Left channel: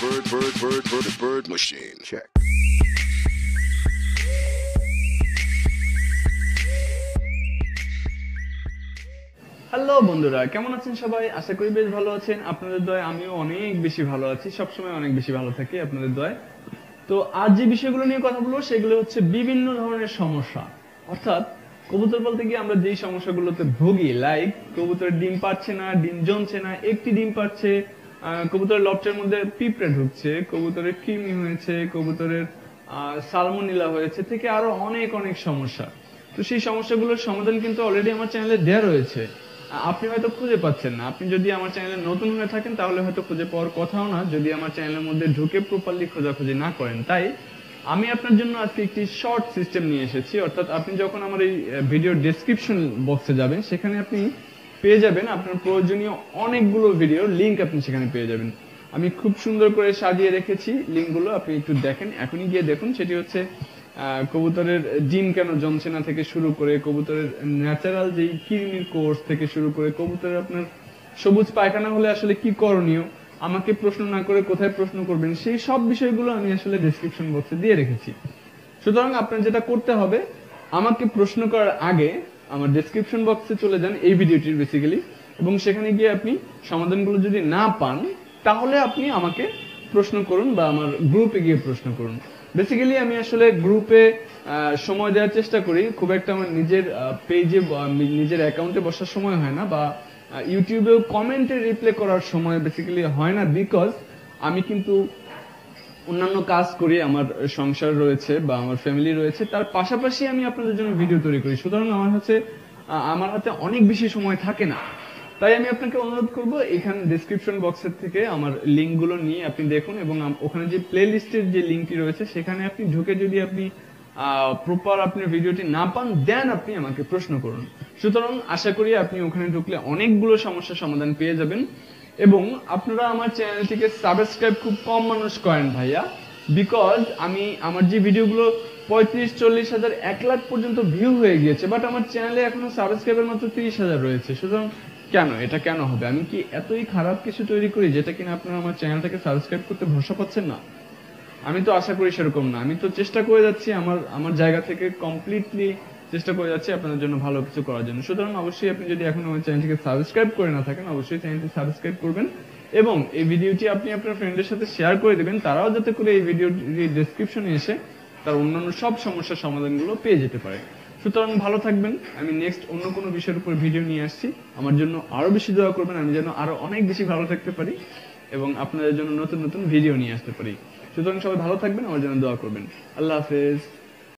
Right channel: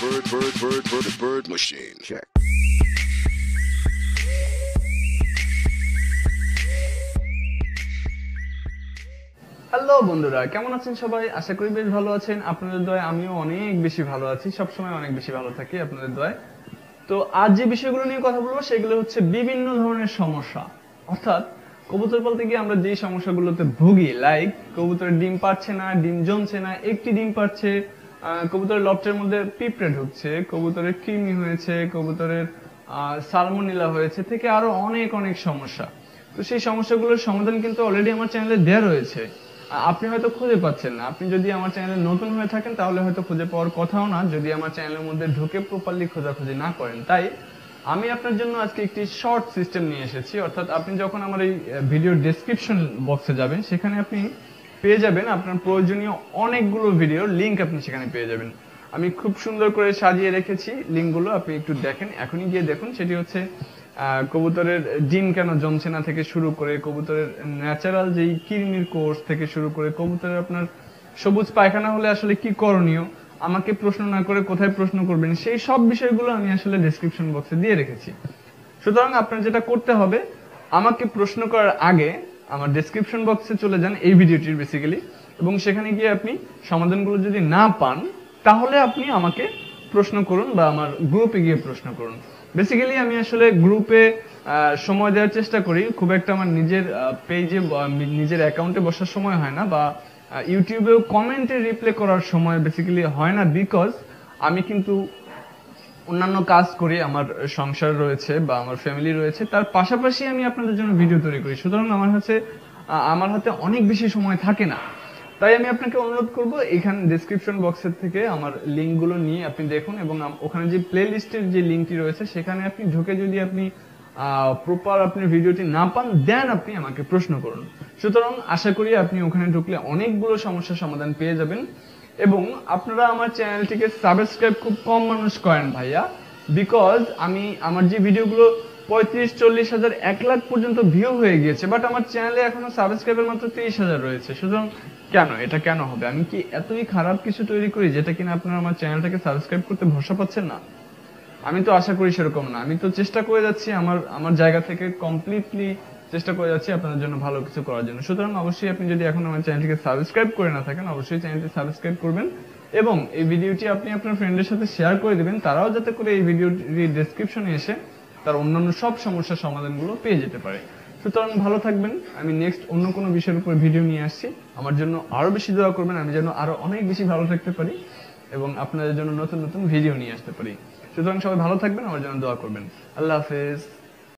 bird, bird, bird, bird, the bird machine. Check. Hello বন্ধুরা কেমন আছেন সবাই? আশা করি বেশ ভালো আছেন। আপনাদের দয় আমিও অনেক বেশি ভালো আছি। সবসময় অনেক বেশি ভালো থাকি আপনাদের দয় তো আজ যে বিষয়গুলো নিয়ে কথা বলব সেগুলো হচ্ছে বিভিন্ন ধরনের সমস্যা। অর্থাৎ কবুতর বলতে গিয়ে আমরা যেই সমস্যাগুলোতে ভুগি লাইক কবুতরের ডিম পাচ্ছে না ডিম জমছে না একটি ডিম পাচ্ছে আহ, কবুতরের লফটের মধ্যে পিঁপড়ে ঢুকছে, কবুতরের কৃমি হয়েছে, কবুতরের সালমোনিলা হয়েছে, থেকে আরও অনেক অনেক সমস্যা। তো সেই সমস্যাগুলোর সমাধান কিন্তু অলরেডি আমার চ্যানেলে দেওয়া রয়েছে। আপনি হয়তো খুঁজে পাচ্ছেন না। আপনি যদি আমার চ্যানেলে নতুন হয়ে থাকেন, তাহলে হয়তো খুঁজে পাওয়ার কথাও না। যদি আমার চ্যানেলের মধ্যে ঢুকে প্রপারলি খোঁজাখুঁজি না করেন, তাই আমি আপনার জন্য আজকে একটি শর্ট সিস্টেম নিয়ে এসেছি। অর্থাৎ আপনি যখন আমার এই ভিডিও ডেসক্রিপশন বক্সে যাবেন, সেখানে আপনি পেয়ে যাবেন আপনার প্রয়োজনীয় অনেকগুলো ভিডিও লিংক আপনি সেখানে পেয়ে যাবেন। আমি খুব সুন্দর করে সাজিয়ে রেখেছি লিঙ্কগুলো আপনি একটু দেখেন। এখনই গিয়ে দেখুন, সেটি হচ্ছে কবুতরের ডিম কেন জমছে না থেকে শুরু করে কবুতরের ন্যাচারাল যেই কৃমির কোর্স থেকে শুরু করে কবুতরের আপনার সবুজ পায়খানা হলে আসলে কি করণীয়, আমাকে প্রশ্ন না করে কোথায় প্রশ্ন করবেন, সেই সব বিষয়গুলো আমি আসলে ডেসক্রিপশন বক্সে দিয়ে রেখেছি। সুতরাং আপনার যেটা করতে হবে, আমাকে প্রশ্ন করার আগে আমার ডেসক্রিপশন বক্সে চলে যান এই ভিডিওটির বেসিক্যালি এবং সেখানে গিয়ে আপনি সমাধানগুলো যদি না পান, তাহলে আপনি আমাকে প্রশ্ন করুন বা আমার গ্রুপে গিয়ে প্রশ্ন করুন। বেসিক্যালি আমি আসলে গ্রুপে সময় দেওয়ার চেষ্টা করি। খুব একটা আমার নিজের পেজে নিজের অ্যাকাউন্টে বসার সময় হয় না বা ইউটিউবেও কমেন্টে রিপ্লে করার সময় বেসিক্যালি হয় না বিকজ আমি কিন্তু অন্যান্য কাজ করি, আমার সংসার রয়েছে বা আমার ফ্যামিলি রয়েছে, তার পাশাপাশি আমি আপনাদের জন্য ভিডিও তৈরি করি। সুতরাং আমার হাতে আমার হাতে অনেক বেশি সময় থাকে না। তাই আমি আপনাকে অনুরোধ করব, এখানে ডেসক্রিপশন বক্সের থেকে আমার লিঙ্কগুলো নিয়ে আপনি দেখুন এবং ওখানে যে প্লে লিস্টের যে লিঙ্কটি রয়েছে, সেখানে আপনি ঢুকে যদি আপনি প্রপার আপনি ভিডিওটি না পান দেন আপনি আমাকে প্রশ্ন করুন। সুতরাং আশা করি আপনি ওখানে ঢুকলে অনেকগুলো সমস্যার সমাধান পেয়ে যাবেন। এবং আপনারা আমার চ্যানেলটিকে সাবস্ক্রাইব খুব কম মানুষ করেন ভাইয়া বিকজ আমি, আমার যে ভিডিওগুলো পঁয়ত্রিশ, চল্লিশ হাজার, এক লাখ পর্যন্ত ভিউ হয়ে গিয়েছে বাট আমার চ্যানেলে এখনও সাবস্ক্রাইবার মাত্র তিরিশ হাজার রয়েছে। সুতরাং কেন? এটা কেন হবে? আমি কি এতই খারাপ কিছু তৈরি করি যেটা কিনা আপনারা আমার চ্যানেলটাকে সাবস্ক্রাইব করতে ভরসা পাচ্ছেন না? আমি তো আশা করি সেরকম না। আমি তো চেষ্টা করে যাচ্ছি আমার আমার জায়গা থেকে কমপ্লিটলি চেষ্টা করে যাচ্ছি আপনাদের জন্য ভালো কিছু করার জন্য। সুতরাং অবশ্যই আপনি যদি এখন আমার চ্যানেলটিকে সাবস্ক্রাইব করে না থাকেন, অবশ্যই চ্যানেলটি সাবস্ক্রাইব করবেন এবং এই ভিডিওটি আপনি আপনার ফ্রেন্ডের সাথে শেয়ার করে দেবেন, তারাও যাতে করে এই ভিডিওটির ডেসক্রিপশনে এসে তার অন্যান্য সব সমস্যার সমাধানগুলো পেয়ে যেতে পারে। সুতরাং ভালো থাকবেন, আমি নেক্সট অন্য কোনো বিষয়ের উপর ভিডিও নিয়ে আসছি। আমার জন্য আরও বেশি দোয়া করবেন, আমি যেন আরও অনেক বেশি ভালো থাকতে পারি এবং আপনাদের জন্য নতুন নতুন ভিডিও নিয়ে আসতে পারি। সুতরাং সবাই ভালো থাকবেন, আমার জন্য দোয়া করবেন। আল্লাহ হাফেজ।